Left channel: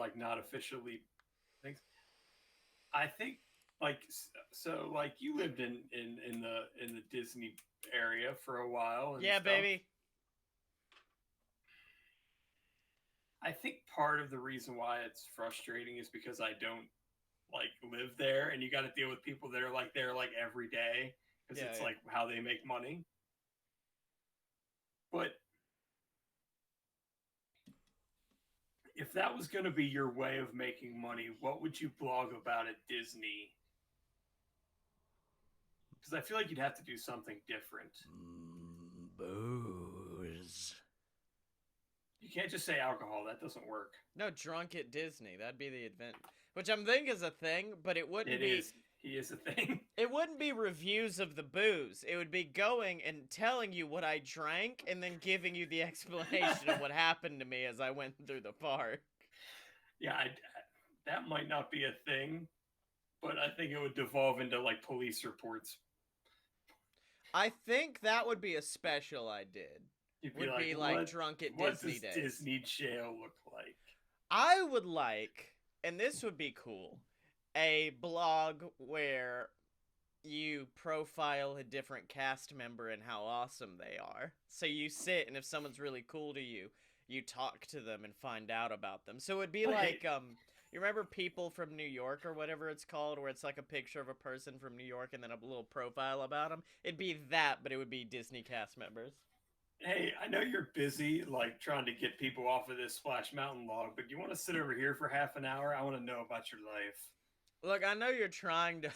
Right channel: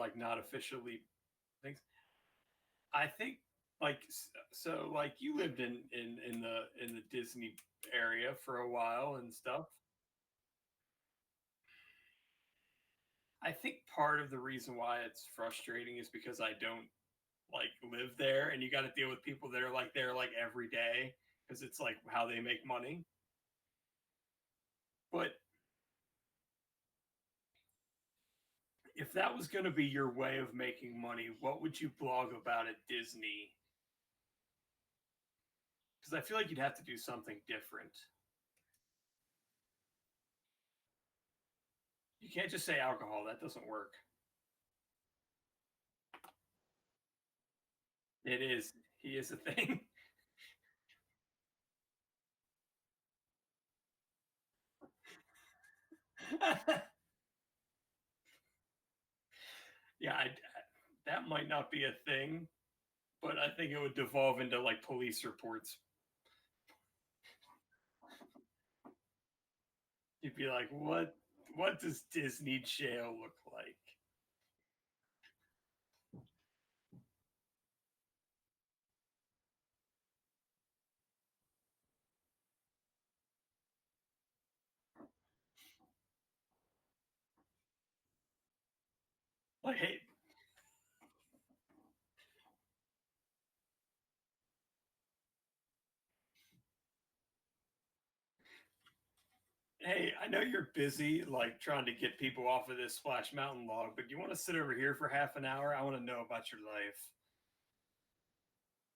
like not officially things. I think like so like you lived in the Disney area for a while and Yeah, stuff. baby. I think part of the reason why it's frustrating is because I don't like live there, and you got to deal with people that are like there like every day because Yeah, it's yeah. like how they make money. But if that was going to be your way of making money, what would you blog about at Disney? Because I feel like you'd have to do something different. Booze. You can't just say alcohol. That doesn't work. No, drunk at Disney. That'd be the event, which I'm thinking is a thing, but it wouldn't It be. is. He is a thing. It wouldn't be reviews of the booze. It would be going and telling you what I drank and then giving you the explanation of what happened to me as I went through the park. Yeah, that might not be a thing, but I think it would devolve into like police reports. I think that would be a special I did. You'd be Would like, be like what? drunk at What Disney does days. Disney jail look like? I would like, and this would be cool, a blog where you profile a different cast member and how awesome they are. So you sit, and if someone's really cool to you, you talk to them and find out about them. So it'd be Wait, like, you remember People from New York or whatever it's called, where it's like a picture of a person from New York and then a little profile about them? It'd be that, but it would be Disney cast members. hey, I know you're busy, like trying to get people off of this Splash Mountain log, but you want to sit over here for half an hour? I want to know about your life. Look, I know you're trying to.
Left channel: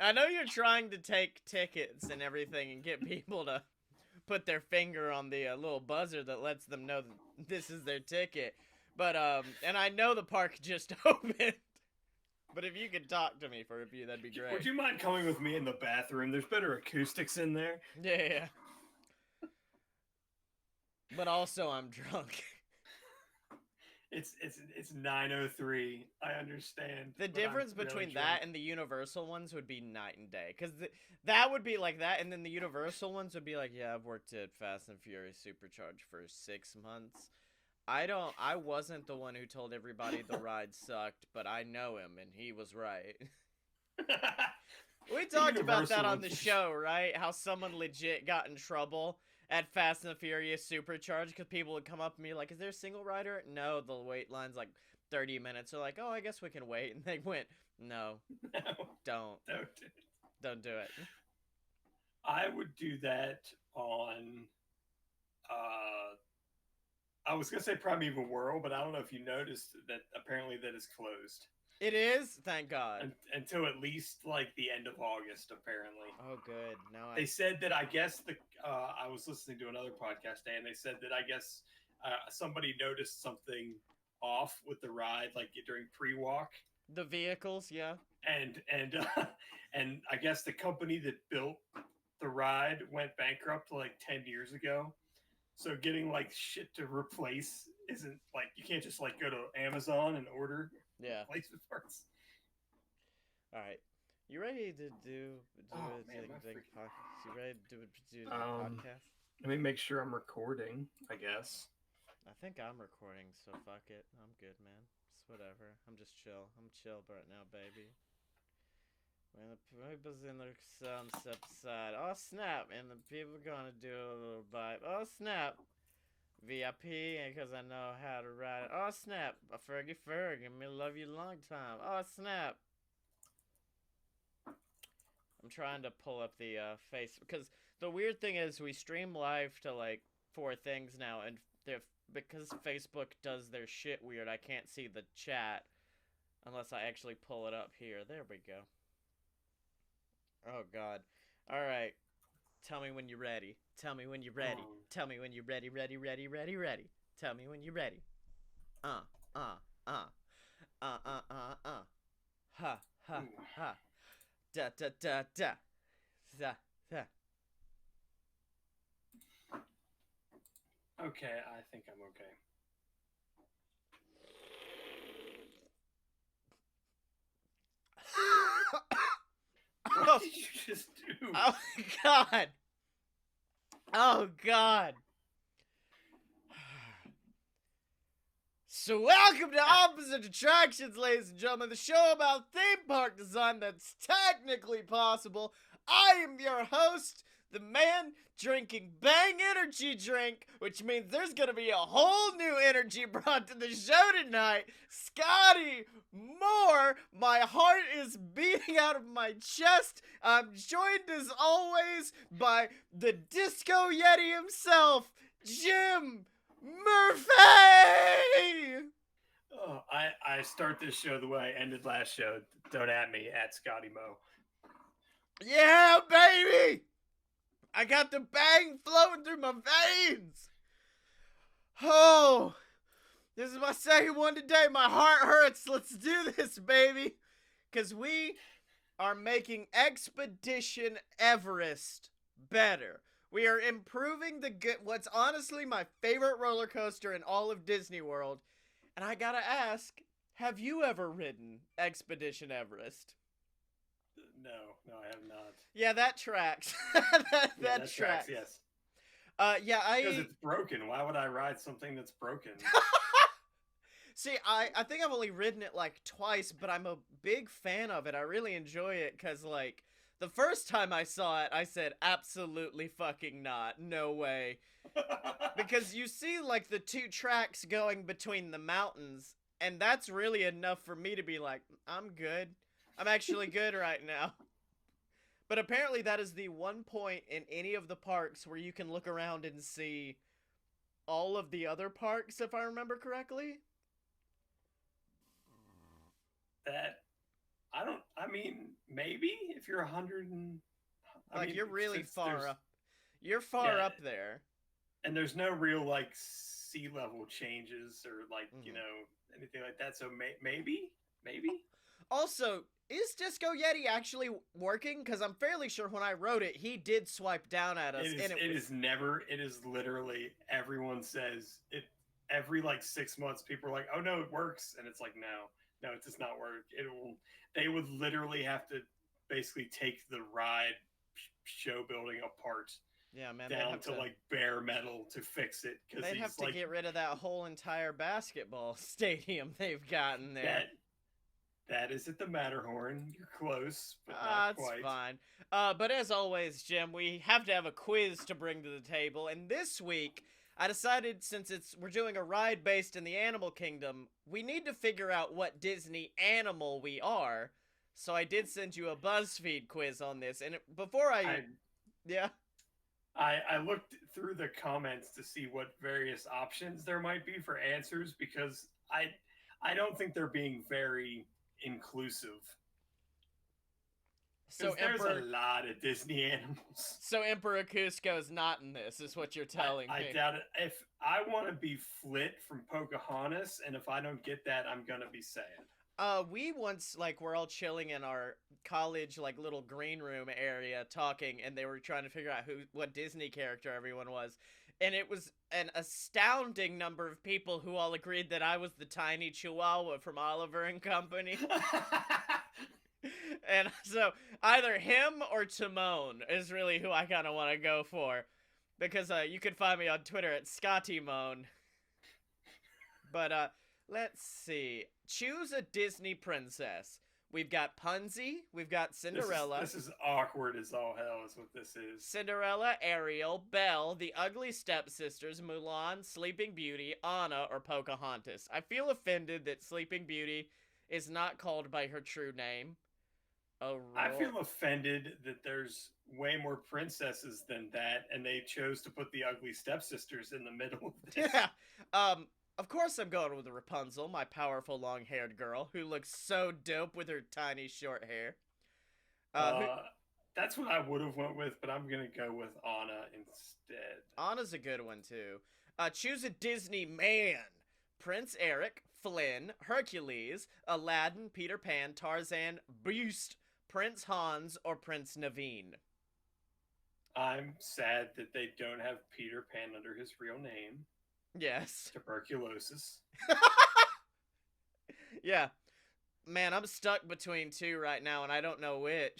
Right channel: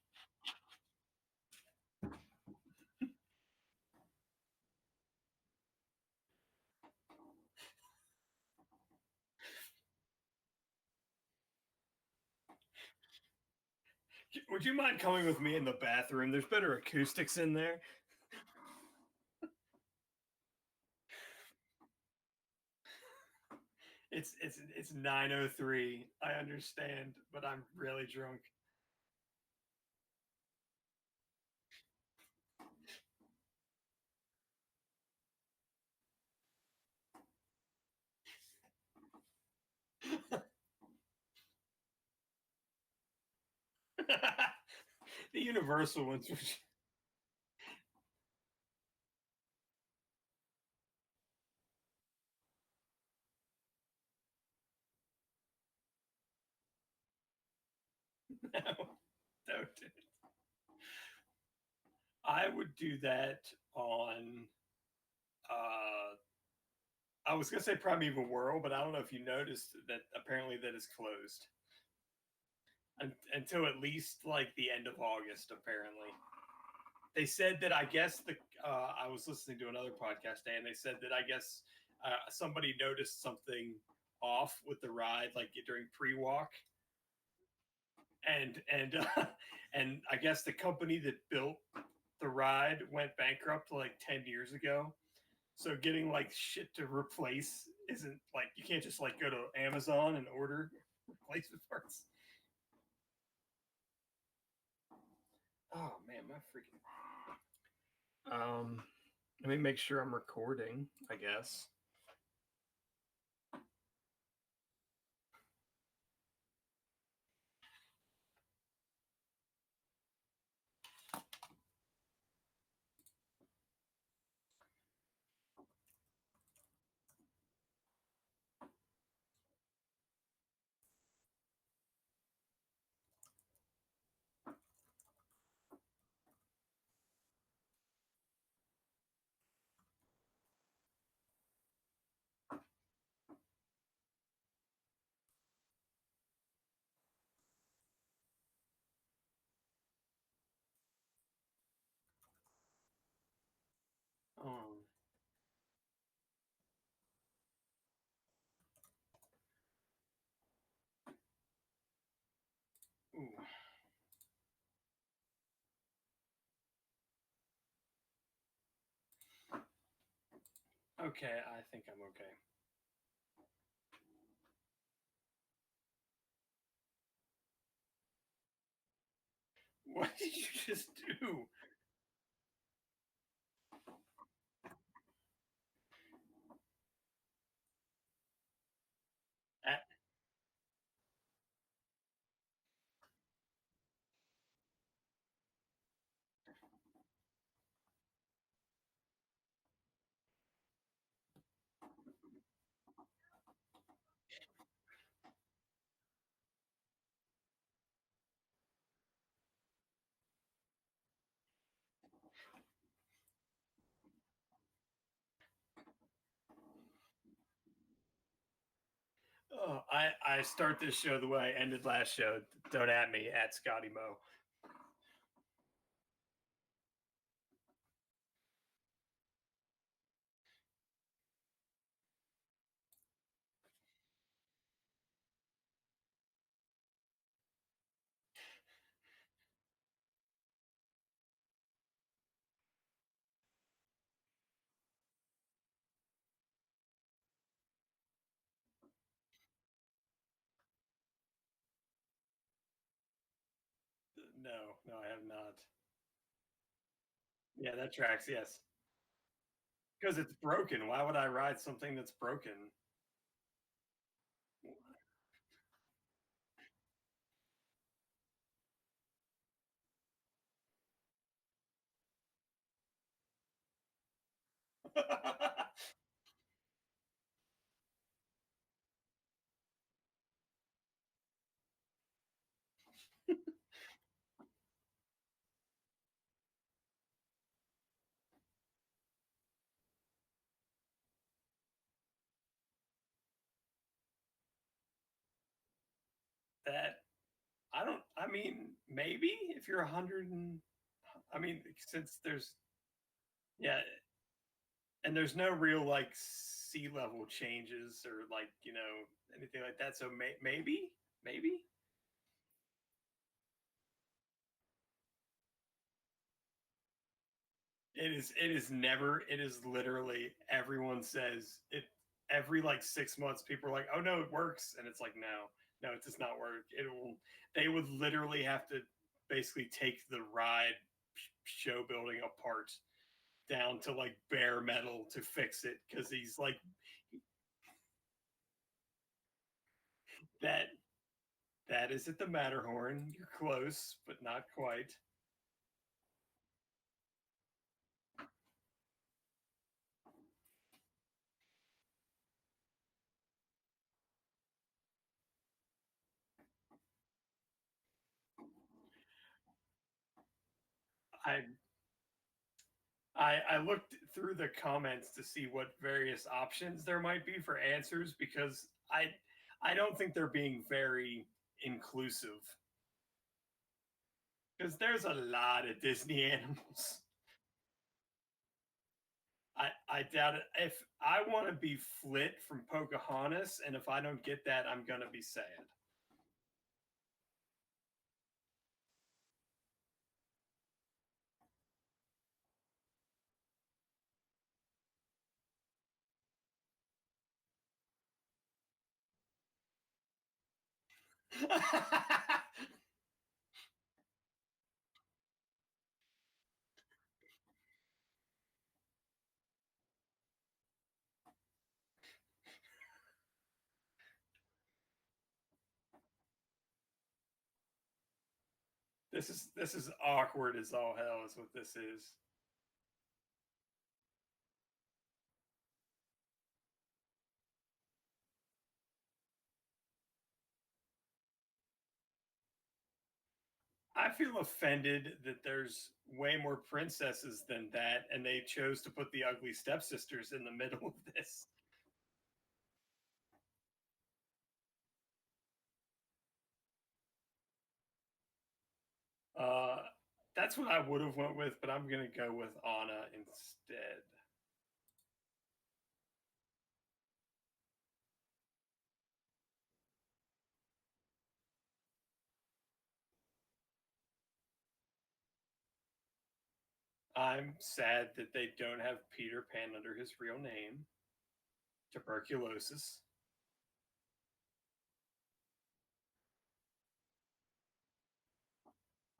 I know you're trying to take tickets and everything and get people to put their finger on the little buzzer that lets them know that this is their ticket. But and I know the park just opened. But if you could talk to me for a few, that'd be Would great. you mind coming with me in the bathroom? There's better acoustics in there. Yeah, yeah. But also, I'm drunk. It's 9:03. I understand, The but I'm difference really between that drunk. and the Universal ones would be night and day. Because that would be like that, and then the Universal ones would be like, yeah, I've worked at Fast and Furious Supercharged for 6 months. I wasn't the one who told everybody the ride sucked, but I know him, and he was right. We The talked about that Universal on the ones. show, right? How someone legit got in trouble at Fast and the Furious Supercharged because people would come up and be like, "Is there a single rider?" No, the wait line's like 30 minutes. They're like, "Oh, I guess we can wait," and they went, "No, No, don't, don't do it. don't do it." I would do that on. Uh, I was gonna say Primeval World, but I don't know if you noticed that apparently that is closed It is, thank God. until at least like the end of August. Apparently, Oh, good. No, they I. said that I guess the I was listening to another podcast day, and they said that I guess somebody noticed something off with the ride, like during pre-walk, The vehicles, yeah. and and I guess the company that built the ride went bankrupt like 10 years ago. So getting like shit to replace isn't like you can't just like go to Amazon and order Yeah. replacement parts. All right. You ready to do Oh a man, my big freaking. podcast? You ready to do the Um, podcast? Let me make sure I'm recording. I guess. I think I'm recording, so fuck it. I'm good, man. It's whatever. I'm just chill. I'm chill right now, baby. When the people's in the sunset side. Oh snap! And the people gonna do a little vibe. Oh snap! VIP, because I know how to ride it. Oh snap! A Fergie Ferg, me love you long time. Oh snap! I'm trying to pull up the face because the weird thing is we stream live to like four things now, and because Facebook does their shit weird, I can't see the chat unless I actually pull it up here. There we go. Oh God. All right. Tell me when you're ready. Tell me when you're ready. Um, Tell me when you're ready. Ready. Ready. Ready. Ready. Tell me when you're ready. Uh. Uh. Uh. Uh. Ha. Ha. ooh. Ha. Da. Da. Da. Da. Da. Da. Okay, I think I'm okay. What Oh. did you just do? Oh God. Oh God. So welcome to Opposite Attractions, ladies and gentlemen, the show about theme park design that's technically possible. I am your host, the man drinking Bang Energy drink, which means there's gonna be a whole new energy brought to the show tonight. Scotty Moore, my heart is beating out of my chest. I'm joined as always by the Disco Yeti himself, Jim Murphy! Oh, I start this show the way I ended last show. Don't at me, at Scotty Mo. Yeah, baby! I got the bang flowing through my veins! Oh, this is my second one today. My heart hurts. Let's do this, baby. Because we are making Expedition Everest better. We are improving the good, what's honestly my favorite roller coaster in all of Disney World. And I gotta ask, have you ever ridden Expedition Everest? No, I have not. Yeah, that tracks. that tracks, yes. Because it's broken. Why would I ride something that's broken? See, I think I've only ridden it like twice, but I'm a big fan of it. I really enjoy it because, like, the first time I saw it, I said, absolutely fucking not. No way. Because you see, like, the two tracks going between the mountains, and that's really enough for me to be like, I'm good. I'm actually good right now. But apparently that is the one point in any of the parks where you can look around and see all of the other parks, if I remember correctly. Maybe if you're 100 and... you're really far up. You're far up there. And there's no real, like, sea level changes or, like, anything like that. So maybe? Also, is Disco Yeti actually working? Because I'm fairly sure when I wrote it, he did swipe down at us. It is literally, everyone says it every, like, 6 months. People are like, oh, no, it works. And it's like, no, it does not work. They would literally have to basically take the ride show building apart. Yeah, man, down to like bare metal to fix it because he's have to like get rid of that whole entire basketball stadium they've gotten there. That is at the Matterhorn. You're close, but not quite. That's fine. But as always, Jim, we have to have a quiz to bring to the table, and this week I decided since we're doing a ride based in the animal kingdom, we need to figure out what Disney animal we are. So I did send you a BuzzFeed quiz on this, and before I looked through the comments to see what various options there might be for answers because I don't think they're being very inclusive. Because there's a lot of Disney animals. So Emperor Cusco is not in this, is what you're telling me. I doubt it. If I want to be Flit from Pocahontas, and if I don't get that, I'm gonna be sad. We once, like, we're all chilling in our college, like, little green room area talking, and they were trying to figure out what Disney character everyone was. And it was an astounding number of people who all agreed that I was the tiny Chihuahua from Oliver and Company. And so either him or Timon is really who I kind of want to go for. Because you can find me on Twitter at ScottyMoan. But let's see. Choose a Disney princess. We've got Punzi. We've got Cinderella. This is awkward as all hell is what this is. Cinderella, Ariel, Belle, the Ugly Stepsisters, Mulan, Sleeping Beauty, Anna, or Pocahontas. I feel offended that Sleeping Beauty is not called by her true name. I feel offended that there's way more princesses than that, and they chose to put the Ugly Stepsisters in the middle of this. Yeah. Of course I'm going with Rapunzel, my powerful long-haired girl, who looks so dope with her tiny short hair. That's what I would have went with, but I'm going to go with Anna instead. Anna's a good one, too. Choose a Disney man. Prince Eric, Flynn, Hercules, Aladdin, Peter Pan, Tarzan, Beast, Prince Hans, or Prince Naveen. I'm sad that they don't have Peter Pan under his real name. Yes. Tuberculosis. Yeah. Man, I'm stuck between two right now, and I don't know which.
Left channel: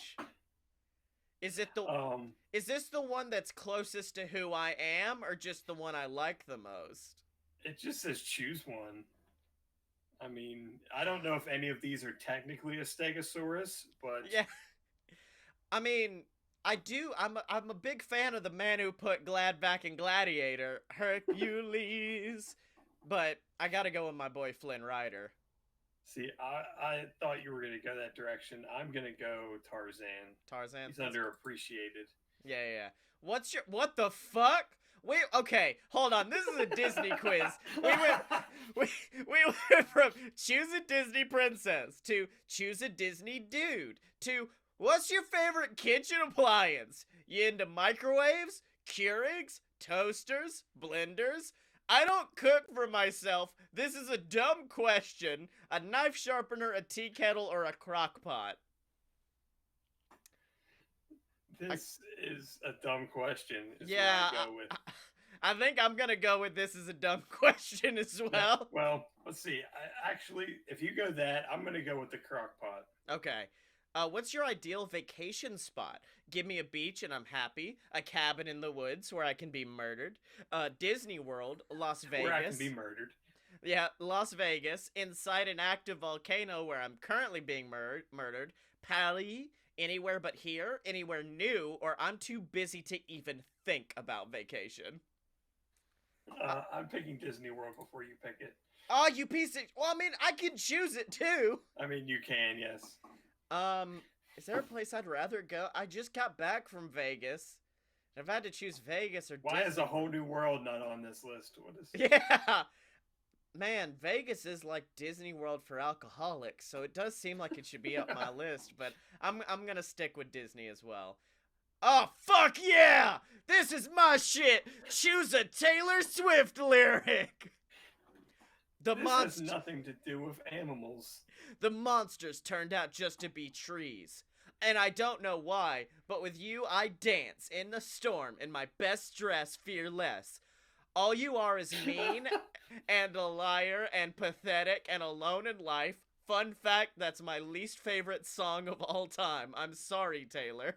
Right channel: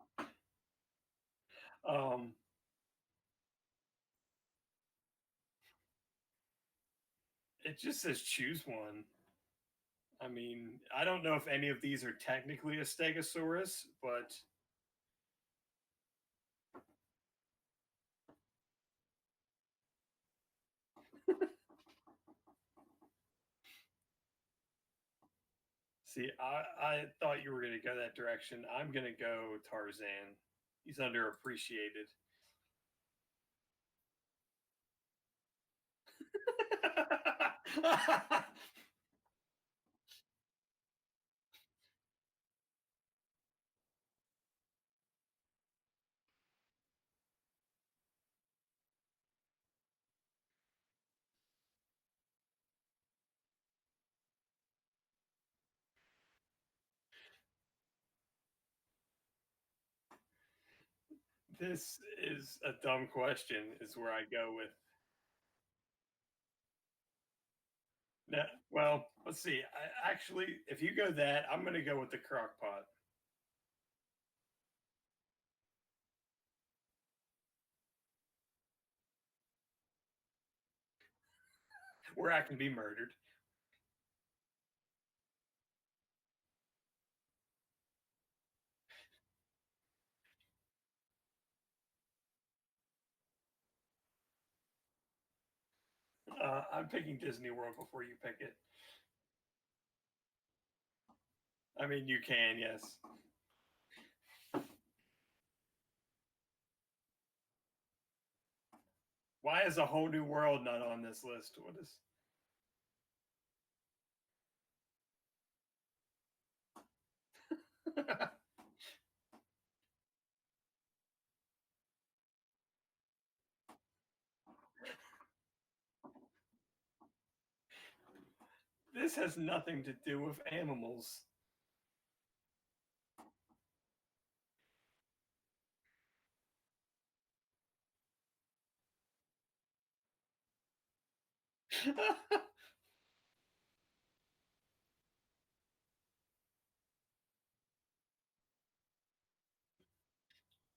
Is this the one that's closest to who I am, or just the one I like the most? It just says choose one. I mean, I don't know if any of these are technically a stegosaurus, but Yeah, I mean, I do. I'm a big fan of the man who put Glad back in Gladiator, Hercules. But I gotta go with my boy Flynn Rider. see, I thought you were going to go that direction. I'm going to go Tarzan. Tarzan. He's That's underappreciated. yeah, yeah. Yeah. What the fuck? Wait, okay, hold on. This is a Disney quiz. We went we, we went from choose a Disney princess to choose a Disney dude to what's your favorite kitchen appliance? You into microwaves, Keurigs, toasters, blenders? I don't cook for myself. This is a dumb question. A knife sharpener, a tea kettle, or a crock pot? This is a dumb question, is where Yeah, I go with. I think I'm gonna go with this as a dumb question as Yeah, well. well, let's see. Actually, if you go that, I'm going to go with the crock pot. Okay. What's your ideal vacation spot? Give me a beach and I'm happy. A cabin in the woods where I can be murdered. Disney World, Las Vegas. Where I can be murdered. Yeah, Las Vegas. Inside an active volcano where I'm currently being murdered. Paris. Anywhere but here. Anywhere new. Or I'm too busy to even think about vacation. I'm picking Disney World before you pick it. Oh, you piece of... Well, I mean, I can choose it too. I mean, you can, yes. Is there a place I'd rather go? I just got back from Vegas. I've had to choose Vegas or Why is a whole new world not on this list? What is? Yeah. Man, Vegas is like Disney World for alcoholics, so it does seem like it should be up my list, but I'm going to stick with Disney as well. Oh, fuck yeah! This is my shit! Choose a Taylor Swift lyric! This has nothing to do with animals. The monsters turned out just to be trees. And I don't know why, but with you I dance in the storm in my best dress, fearless. All you are is mean and a liar and pathetic and alone in life. Fun fact, that's my least favorite song of all time. I'm sorry, Taylor.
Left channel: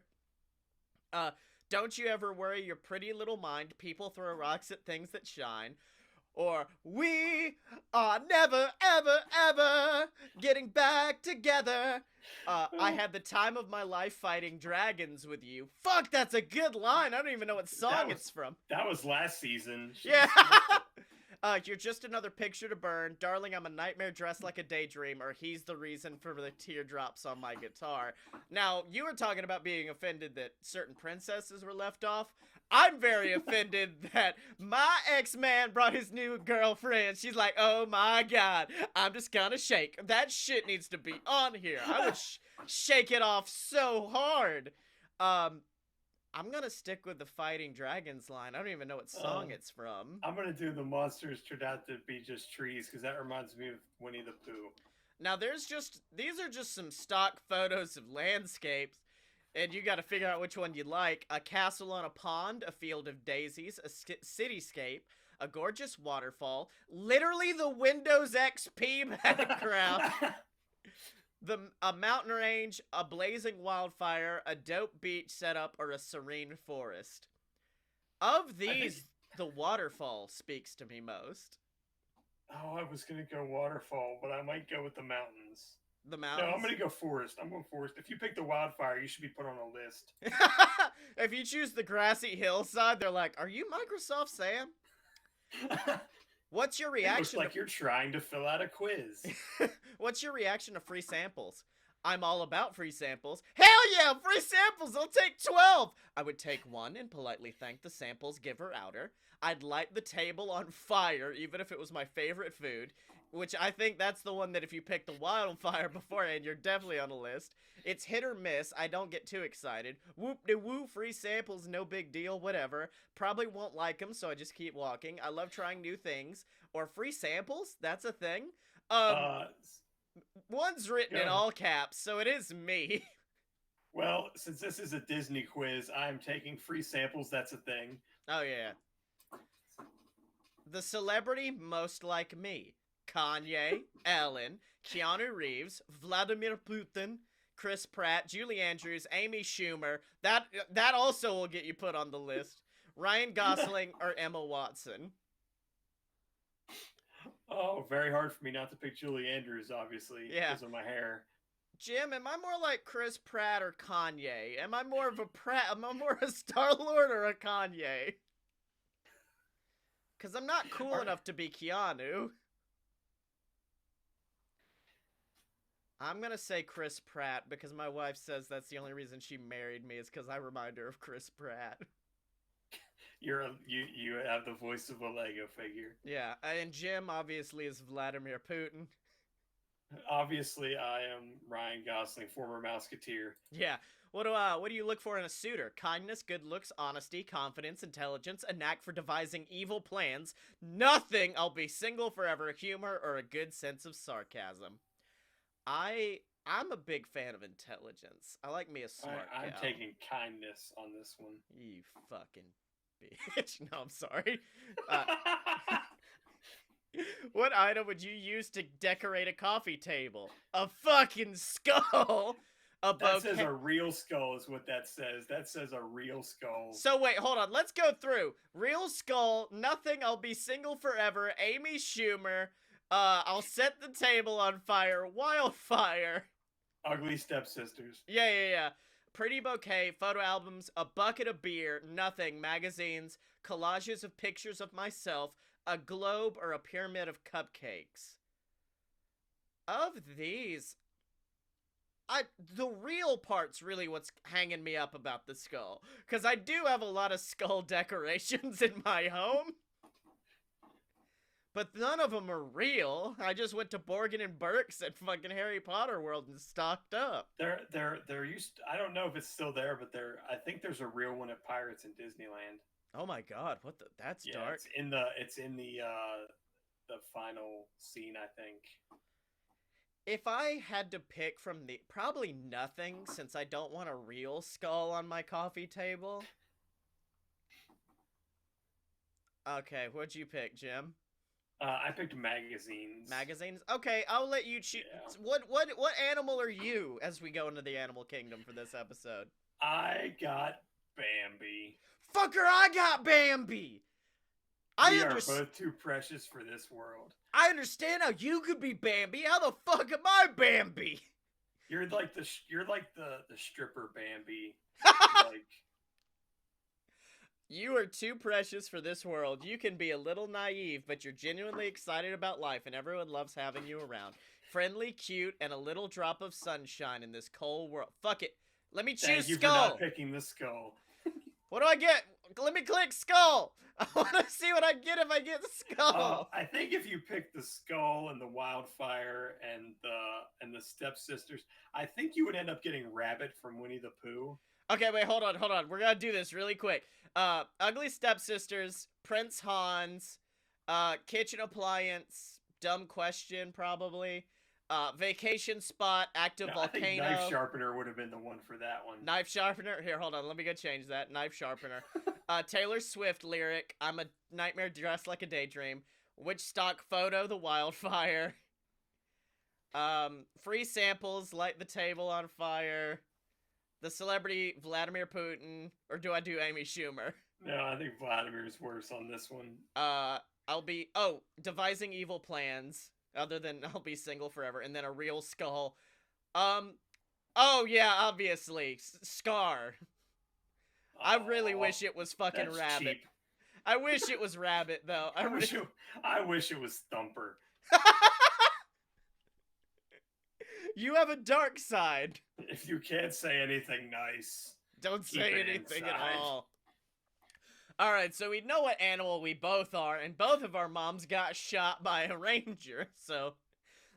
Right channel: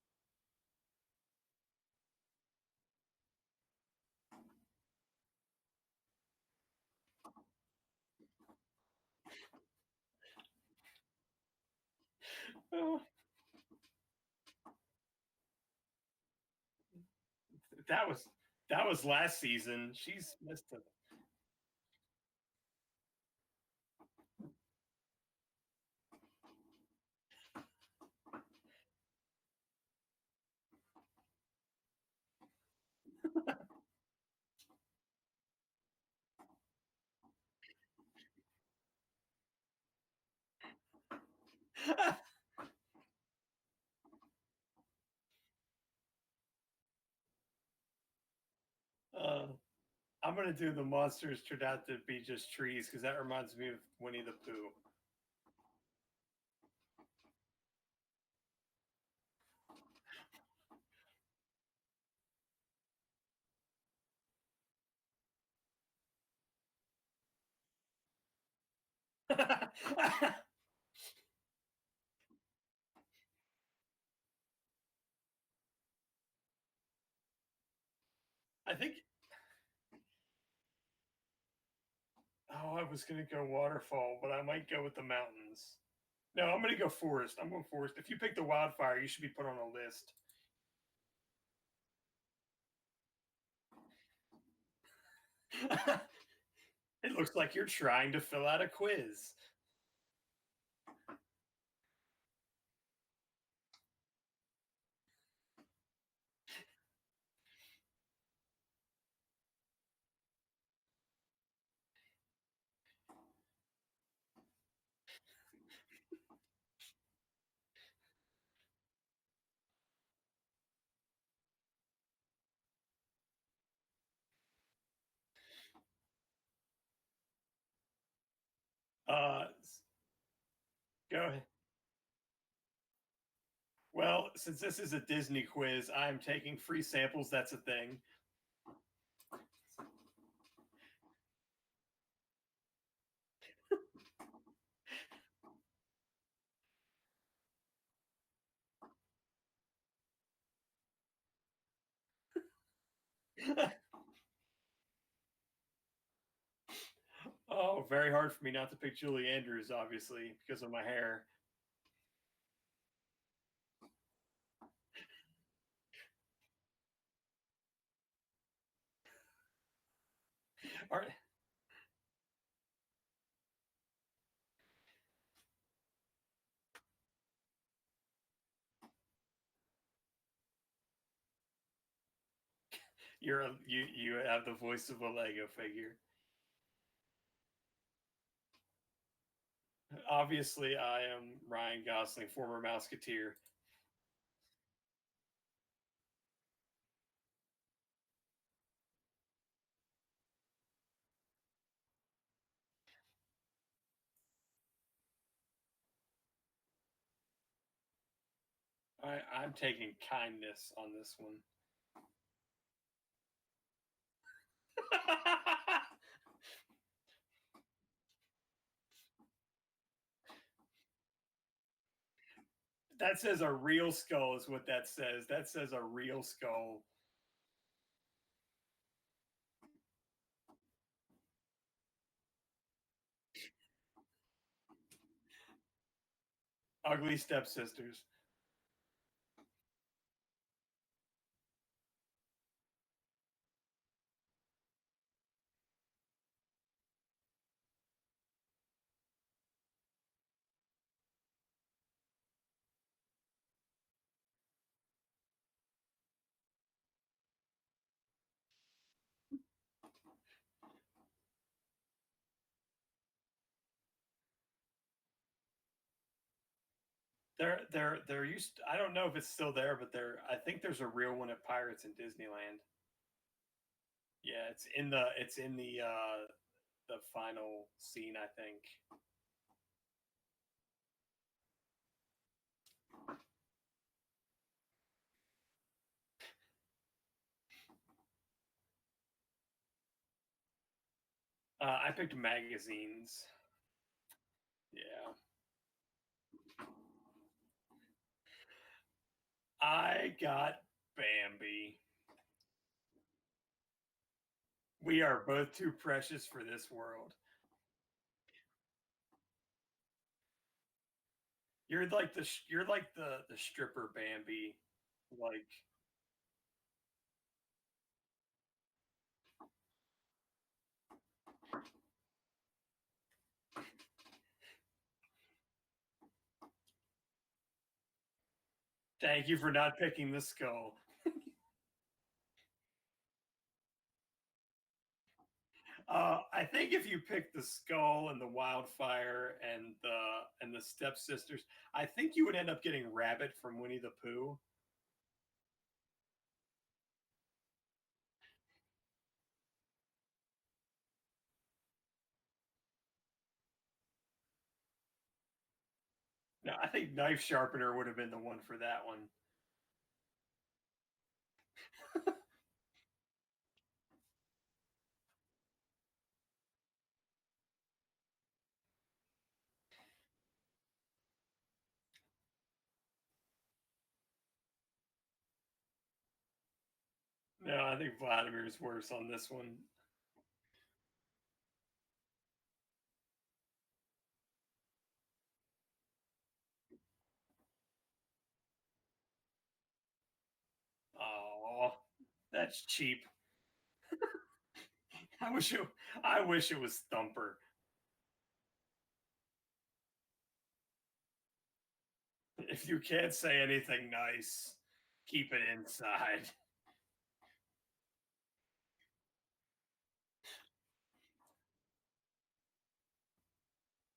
Don't you ever worry your pretty little mind. People throw rocks at things that shine. Or, we are never, ever, ever getting back together. I had the time of my life fighting dragons with you. Fuck, that's a good line. I don't even know what song it's from. That was last season. Yeah. You're just another picture to burn. Darling, I'm a nightmare dressed like a daydream, or he's the reason for the teardrops on my guitar. Now, you were talking about being offended that certain princesses were left off. I'm very offended that my ex-man brought his new girlfriend. She's like, oh my god, I'm just gonna shake. That shit needs to be on here. I'm gonna shake it off so hard. I'm gonna stick with the Fighting Dragons line. I don't even know what song it's from. I'm gonna do the monsters turned out to be just trees because that reminds me of Winnie the Pooh. Now these are just some stock photos of landscapes, and you got to figure out which one you like. A castle on a pond, a field of daisies, a cityscape, a gorgeous waterfall, literally the Windows XP background. A mountain range, a blazing wildfire, a dope beach setup, or a serene forest. Of these, the waterfall speaks to me most. Oh, I was gonna go waterfall, but I might go with the mountains. The mountains? No, I'm gonna go forest. I'm going forest. If you pick the wildfire, you should be put on a list. If you choose the grassy hillside, they're like, are you Microsoft Sam? What's your reaction? It looks like you're trying to fill out a quiz. What's your reaction to free samples? I'm all about free samples. Hell yeah, free samples! I'll take 12! I would take one and politely thank the samples giver outer. I'd light the table on fire, even if it was my favorite food. Which I think that's the one that if you pick the wildfire beforehand, you're definitely on the list. It's hit or miss. I don't get too excited. Whoop-de-woo, free samples, no big deal, whatever. Probably won't like them, so I just keep walking. I love trying new things. Or free samples, that's a thing. One's written in all caps, so it is me. Well, since this is a Disney quiz, I'm taking free samples, that's a thing. Oh, yeah. The celebrity most like me. Kanye, Ellen, Keanu Reeves, Vladimir Putin, Chris Pratt, Julie Andrews, Amy Schumer. That also will get you put on the list. Ryan Gosling or Emma Watson. Oh, very hard for me not to pick Julie Andrews, obviously, Yeah. because of my hair. Jim, am I more like Chris Pratt or Kanye? Am I more of a Pratt? Am I more a Star Lord or a Kanye? Because I'm not cool Are, enough to be Keanu. I'm gonna say Chris Pratt because my wife says that's the only reason she married me is because I remind her of Chris Pratt. you have the voice of a Lego figure. Yeah, and Jim obviously is Vladimir Putin. Obviously, I am Ryan Gosling, former Mouseketeer. Yeah. What do you look for in a suitor? Kindness, good looks, honesty, confidence, intelligence, a knack for devising evil plans, nothing, I'll be single forever, humor, or a good sense of sarcasm. I'm a big fan of intelligence. I like me a smart I'm gal. taking kindness on this one. You fucking bitch. No, I'm sorry. Uh, what item would you use to decorate a coffee table? A fucking skull. A That says bouquet. a real skull is what that says. That says a real skull. So wait, hold on. Let's go through. Real skull. Nothing. I'll be single forever. Amy Schumer. I'll set the table on fire. Wildfire. Ugly stepsisters. Yeah. Pretty bouquet, photo albums, a bucket of beer, nothing, magazines, collages of pictures of myself, a globe, or a pyramid of cupcakes. Of these, the real part's really what's hanging me up about the skull. Because I do have a lot of skull decorations in my home. But none of them are real. I just went to Borgin and Burke's at fucking Harry Potter World and stocked up. They're used. I don't know if it's still there, but I think there's a real one at Pirates in Disneyland. Oh my god, what the? That's Yeah, dark. it's in the final scene, I think. If I had to pick from the probably nothing since I don't want a real skull on my coffee table. Okay, what'd you pick, Jim? I picked magazines. Magazines? Okay, I'll let you choose. Yeah. What animal are you as we go into the animal kingdom for this episode? I got Bambi. Fucker, I got Bambi. We are both too precious for this world. I understand how you could be Bambi. How the fuck am I Bambi? You're like the stripper Bambi. Like you are too precious for this world. You can be a little naive, but you're genuinely excited about life, and everyone loves having you around. Friendly, cute, and a little drop of sunshine in this cold world. Fuck it. Let me choose Thank you skull. for not picking the skull. What do I get? Let me click skull. I want to see what I get if I get skull. I think if you pick the skull and the wildfire and the stepsisters, I think you would end up getting Rabbit from Winnie the Pooh. Okay, wait, hold on. We're gonna do this really quick. Ugly Stepsisters, Prince Hans, Kitchen Appliance, Dumb Question, probably. Vacation Spot, Active Volcano. I think Knife Sharpener would have been the one for that one. Knife Sharpener? Here, hold on. Let me go change that. Knife Sharpener. Taylor Swift lyric, I'm a nightmare dressed like a daydream. Which stock photo, the wildfire. Free samples, light the table on fire. The celebrity Vladimir Putin, or do I do Amy Schumer? No, I think Vladimir's worse on this one. I'll be devising evil plans other than I'll be single forever, and then a real skull. Oh yeah, obviously Scar. I really wish it was fucking that's Rabbit. Cheap. I wish it was Rabbit though. I wish it was Thumper. You have a dark side. If you can't say anything nice, don't say anything at all. Alright, so we know what animal we both are, and both of our moms got shot by a ranger, so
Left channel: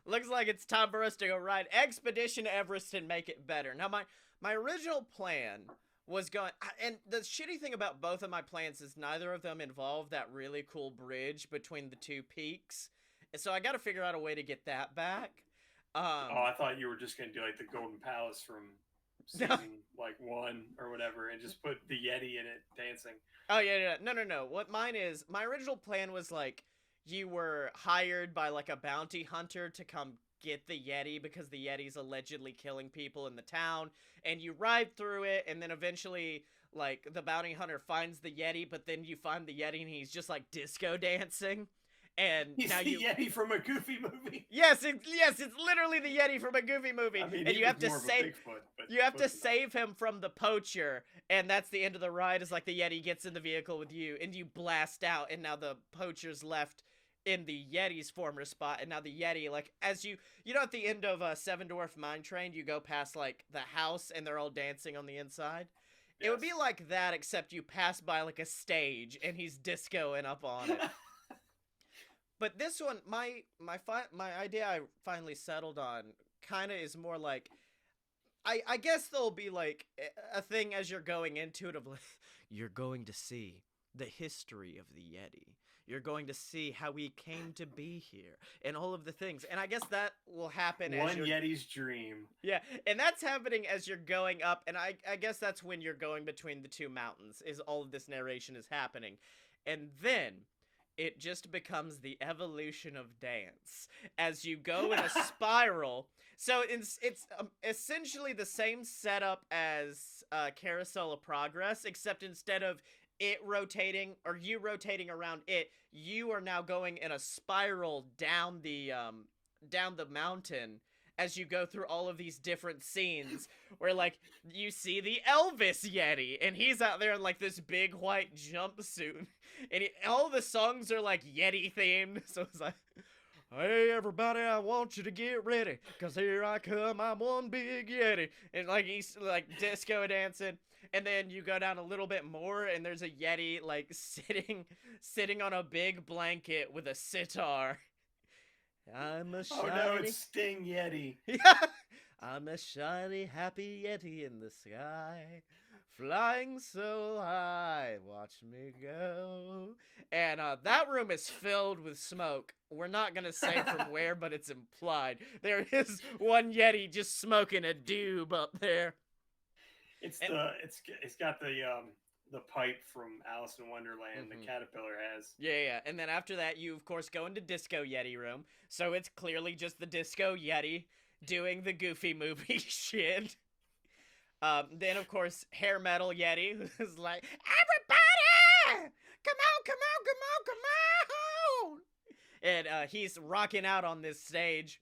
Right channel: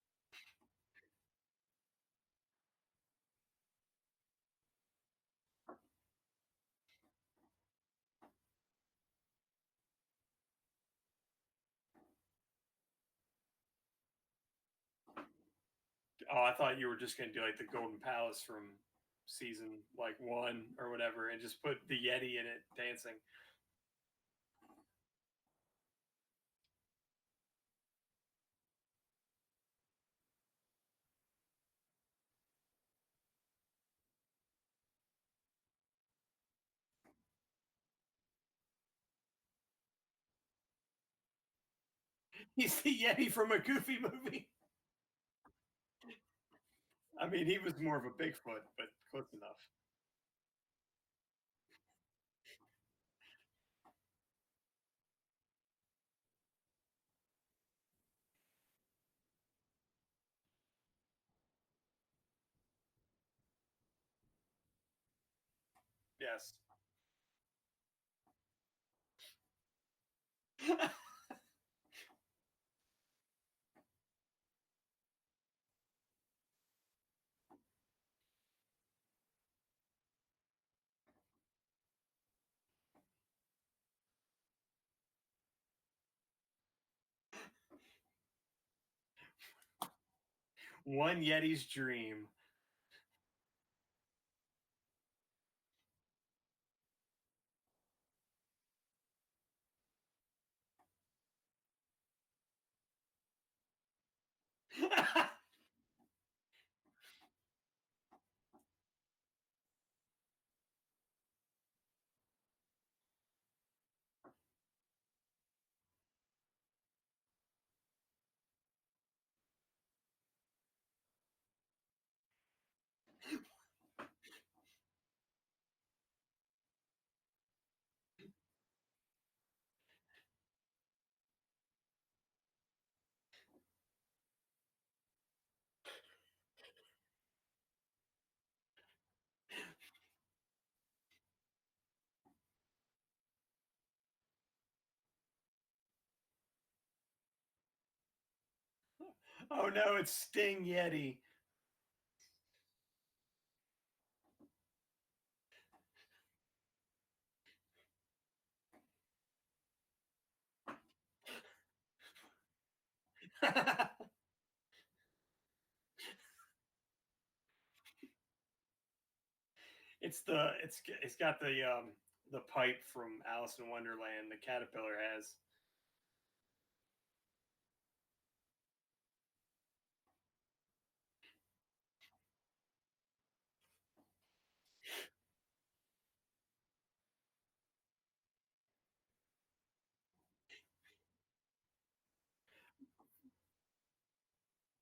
looks like it's time for us to go ride Expedition Everest and make it better. Now, my original plan was going, and the shitty thing about both of my plans is neither of them involve that really cool bridge between the two peaks, and so I gotta figure out a way to get that back. I thought you were just gonna do like the Golden Palace from season like 1 or whatever, and just put the Yeti in it dancing. Oh yeah. No. What mine is, my original plan was like you were hired by like a bounty hunter to come get the Yeti because the Yeti's allegedly killing people in the town, and you ride through it, and then eventually like the bounty hunter finds the Yeti, but then you find the Yeti and he's just like disco dancing. And He's now the you Yeti from a Goofy movie. Yes, it's literally the Yeti from a Goofy movie. I mean, and he you was have to more of a save Bigfoot, but you have to close enough. save him from the poacher, and that's the end of the ride. Is like the Yeti gets in the vehicle with you, and you blast out, and now the poacher's left in the Yeti's former spot, and now the Yeti, like as you know, at the end of Seven Dwarf Mine Train, you go past like the house, and they're all dancing on the inside. It would be Yes. like that, except you pass by like a stage, and he's discoing up on it. But this one, my idea I finally settled on kind of is more like I guess there'll be like a thing as you're going into it of like you're going to see the history of the Yeti. You're going to see how we came to be here and all of the things. And I guess that will happen as One you're Yeti's dream. yeah, and that's happening as you're going up, and I guess that's when you're going between the two mountains, is all of this narration is happening. And then it just becomes the evolution of dance as you go in a spiral. So it's essentially the same setup as Carousel of Progress, except instead of it rotating or you rotating around it, you are now going in a spiral down the mountain as you go through all of these different scenes where like you see the Elvis Yeti and he's out there in like this big white jumpsuit and all the songs are like Yeti themed, so it's like, hey everybody, I want you to get ready, cause here I come, I'm one big Yeti, and like he's like disco dancing. And then you go down a little bit more and there's a Yeti like sitting on a big blanket with a sitar. I'm a shiny... Oh no, it's Sting Yeti. I'm a shiny, happy Yeti in the sky, flying so high, watch me go. And that room is filled with smoke. We're not gonna say from where, but it's implied. There is one Yeti just smoking a doob up there. It's got the pipe from Alice in Wonderland. The caterpillar has. Yeah. And then after that, you of course go into Disco Yeti room. So it's clearly just the Disco Yeti doing the Goofy movie shit. Then of course Hair Metal Yeti, who's like, everybody, come on! And he's rocking out on this stage.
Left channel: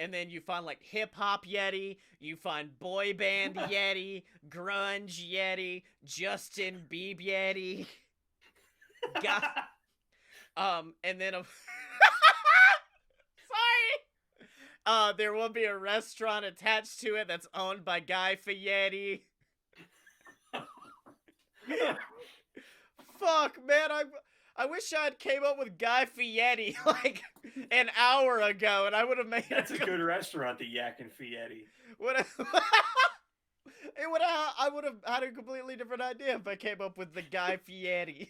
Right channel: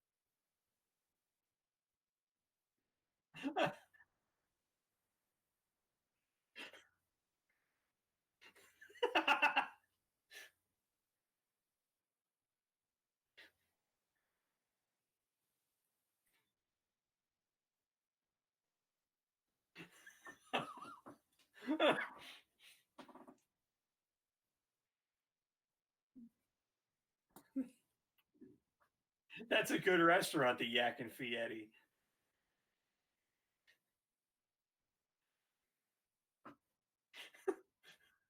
And then you find like hip hop Yeti, you find boy band Yeti, grunge Yeti, Justin Bieber Yeti. And then sorry, there will be a restaurant attached to it that's owned by Guy Fieri. Fuck, man, I wish I'd came up with Guy Fieri like an hour ago, and I would have made. That's a good restaurant, the Yak and Fieri. I would have had a completely different idea if I came up with the Guy Fieri.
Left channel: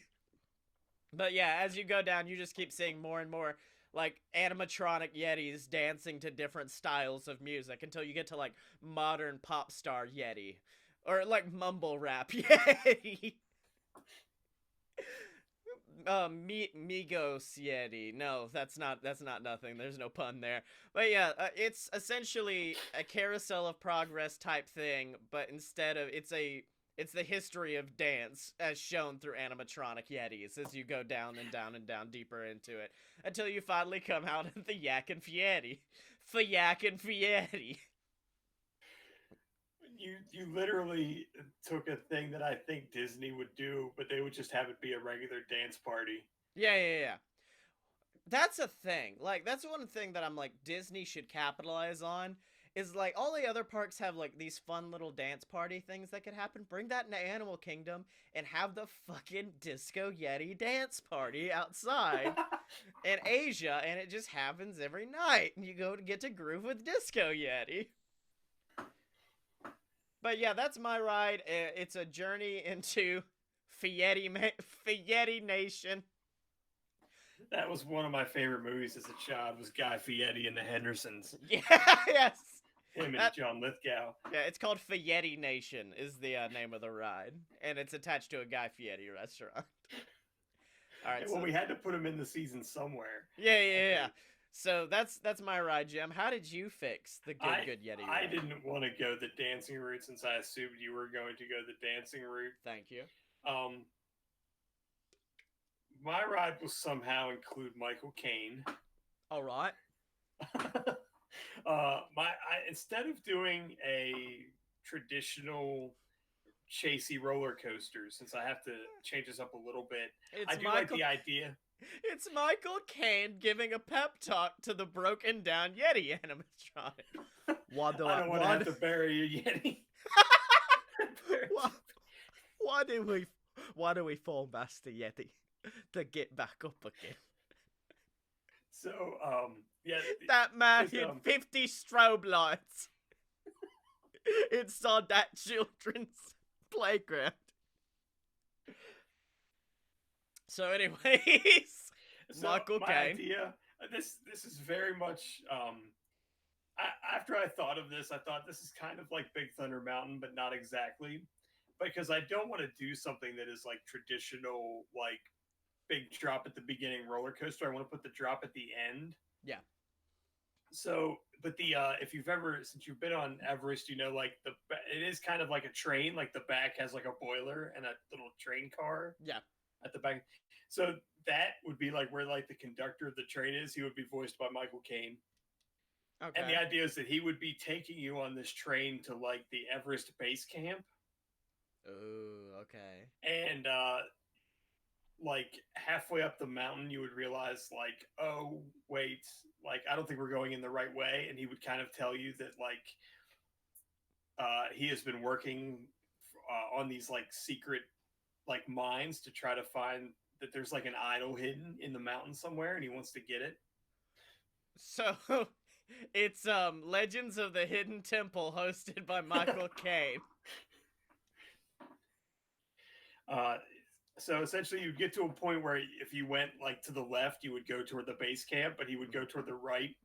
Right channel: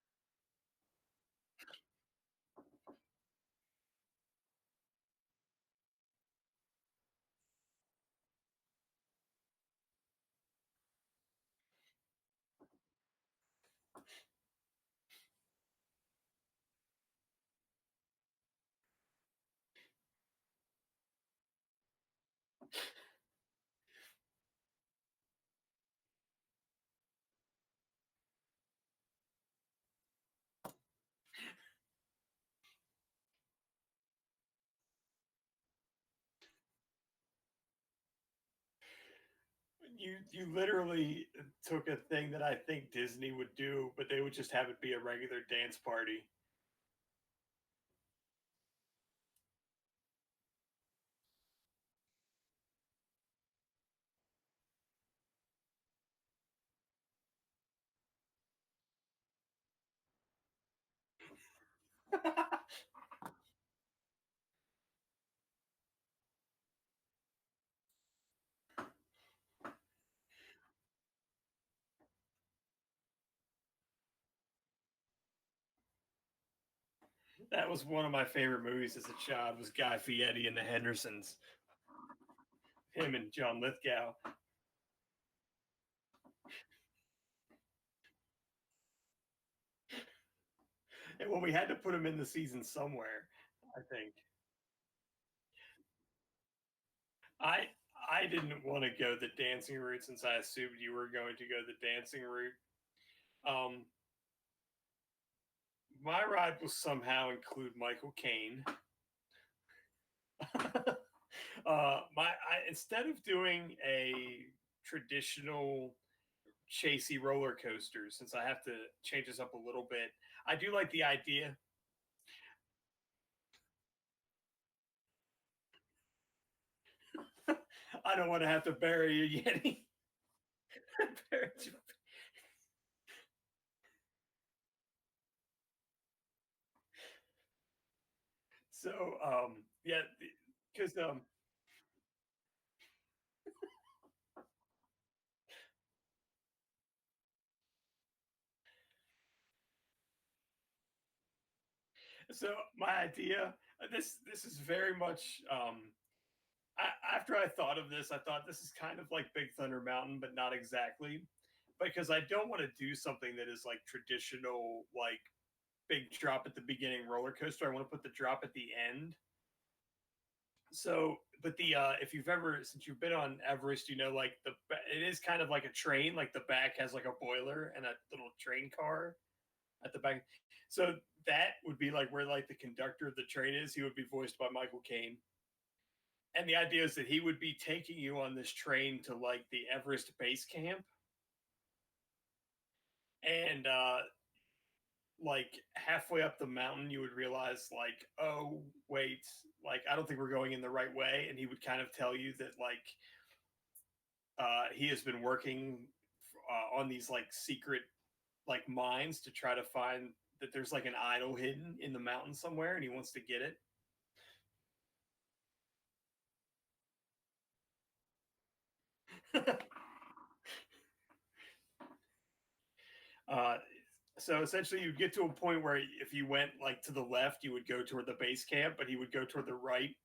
But yeah, as you go down, you just keep seeing more and more like animatronic Yetis dancing to different styles of music until you get to like modern pop star Yeti or like mumble rap Yeti. Migos Yeti. No, that's not nothing. There's no pun there. But yeah, it's essentially a Carousel of Progress type thing, but instead of it's the history of dance as shown through animatronic Yetis as you go down and down and down deeper into it until you finally come out at the Yak and Fieri. Yak and Fieri. You literally took a thing that I think Disney would do, but they would just have it be a regular dance party. Yeah. That's a thing. Like, that's one thing that I'm like, Disney should capitalize on. Is like, all the other parks have like these fun little dance party things that could happen. Bring that into Animal Kingdom and have the fucking Disco Yeti dance party outside in Asia, and it just happens every night. And you go to get to groove with Disco Yeti. But yeah, that's my ride. It's a journey into Fieri Nation. That was one of my favorite movies as a child. Was Guy Fieri and the Hendersons. Yeah, yes. Him and John Lithgow. Yeah, it's called Fieri Nation is the name of the ride, and it's attached to a Guy Fieri restaurant. All right. Well, we had to put him in the season somewhere. Yeah. So that's my ride, Jim. How did you fix the good Yeti? I didn't want to go the dancing route since I assumed you were going to go the dancing route. Thank you. my ride will somehow include Michael Caine. All right. Instead of doing a traditional chasey roller coaster, since I have to change this up a little bit, I It's do like Michael. the idea. It's Michael Caine giving a pep talk to the broken down Yeti animatronic. I don't want to have to bury a Yeti. Why do we fall Master Yeti to get back up again? So, yeah, That man hit um, 50 strobe lights inside that children's playground. So, anyways, so Michael my Caine. idea. This is very much. After I thought of this, I thought this is kind of like Big Thunder Mountain, but not exactly, because I don't want to do something that is like traditional, like big drop at the beginning roller coaster. I want to put the drop at the end. Yeah. So, but the if you've ever since you've been on Everest, you know, like it is kind of like a train. Like the back has like a boiler and a little train car. Yeah. At the back, so that would be like where like the conductor of the train is. He would be voiced by Michael Caine. Okay. And the idea is that he would be taking you on this train to like the Everest base camp. Oh, okay. And like halfway up the mountain, you would realize like, oh wait, like I don't think we're going in the right way. And he would kind of tell you that like he has been working on these like secret like mines to try to find that there's like an idol hidden in the mountain somewhere, and he wants to get it. So it's Legends of the Hidden Temple hosted by Michael Caine. So essentially you get to a point where if you went like to the left, you would go toward the base camp, but he would go toward the right